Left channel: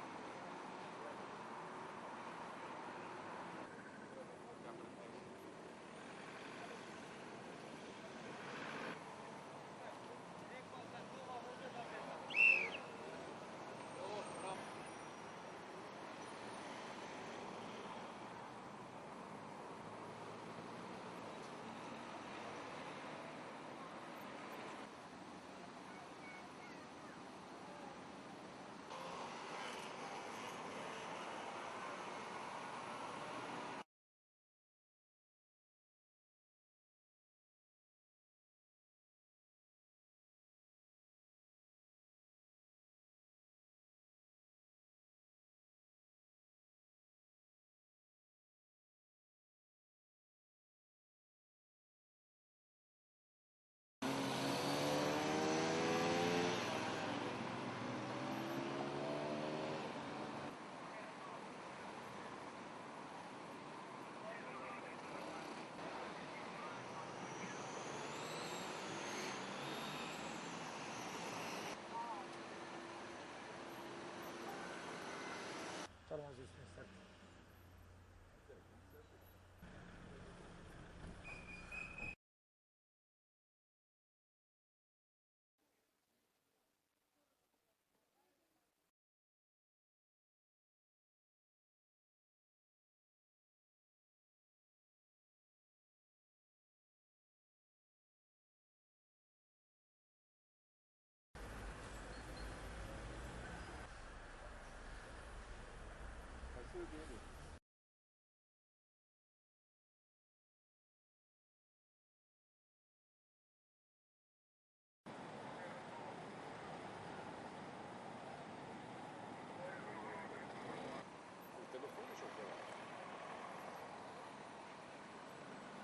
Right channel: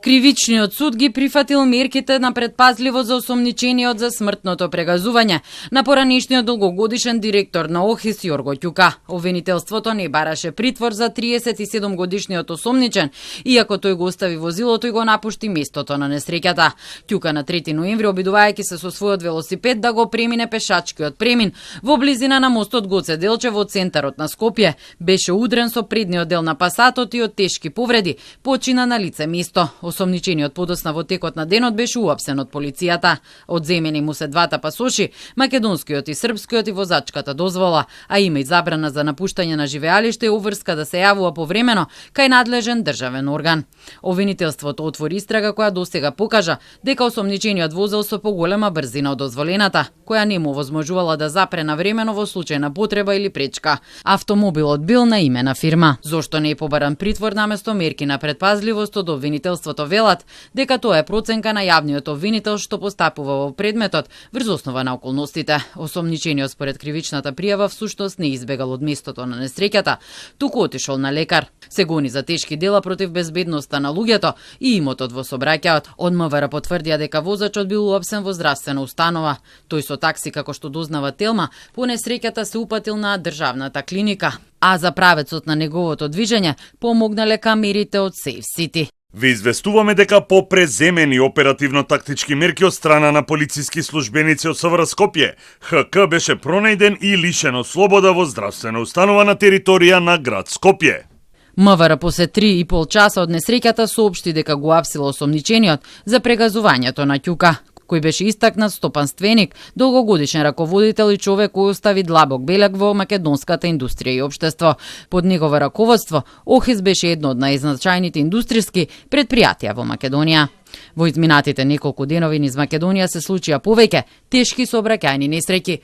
Кривичниот суд ги прифатил мерките на предпазливо за осомничениот за смртното прегазување на поранешниот долгогодишен директор на ОХИС Јорго Ќука. Обвинителството не бараше притвор за 37 годишниот осомничен, иако тој го остави возилото и го напушти местото на несреќата. Ќука на 3 ноември, обидувајќи се со својот велосипед да го премине пешачкиот премин во близина на мостот Гоце Делчево од центарот на Скопје, беше удрен со предниот дел на пасатот и од тешки повреди почина на лице место. Осомничениот подосна во текот на денот беше уапсен од полицијата. Одземени му се двата пасоши, македонскиот и српскиот, и возачката дозвола, а има и забрана за напуштање на живеалиште и обврска да се јавува повремено кај надлежен државен орган. Обвинителството отвори истрага која досега покажа дека осомничениот возел со поголема брзина од дозволената, која не му возможувала да запре навремено во случај на потреба или пречка. Автомобилот бил на име на фирма. Зошто не е побаран притвор наместо мерки на предпазливост од обвинителството велат дека тоа е проценка на јавниот обвинител што постапува во предметот врз основа на околностите. Осомничениот според кривичната пријава всушност не избегал од местото на несреќата, туку отишол на лекар. Се гони за тешки дела против безбедноста на луѓето и имотот во сообраќајот. Од МВР потврдија дека возачот бил уапсен во здравствена установа. Тој со такси, како што дознава Телма, по несреќата се упатил на државната клиника, а за правецот на неговото движење помогнале камерите од Safe City. Ви известуваме дека по преземени оперативно-тактички мерки од страна на полициски службеници од СВР Скопје, ХК беше пронајден и лишен од слобода во здравствена установа на територија на град Скопје. МВР после 3,5 часа од несреќата соопшти дека го апсило осомничениот за прегазувањето на Ќука, кој беше истакнат стопанственик, долгогодишен раководител и човек кој остави длабок белег во македонската индустрија и општество. Под негово раководство, ОХИС беше едно од најзначајните индустријски предпријатија во Македонија. Во изминатите неколку денови низ Македонија се случија повеќе тешки сообраќајни несреќи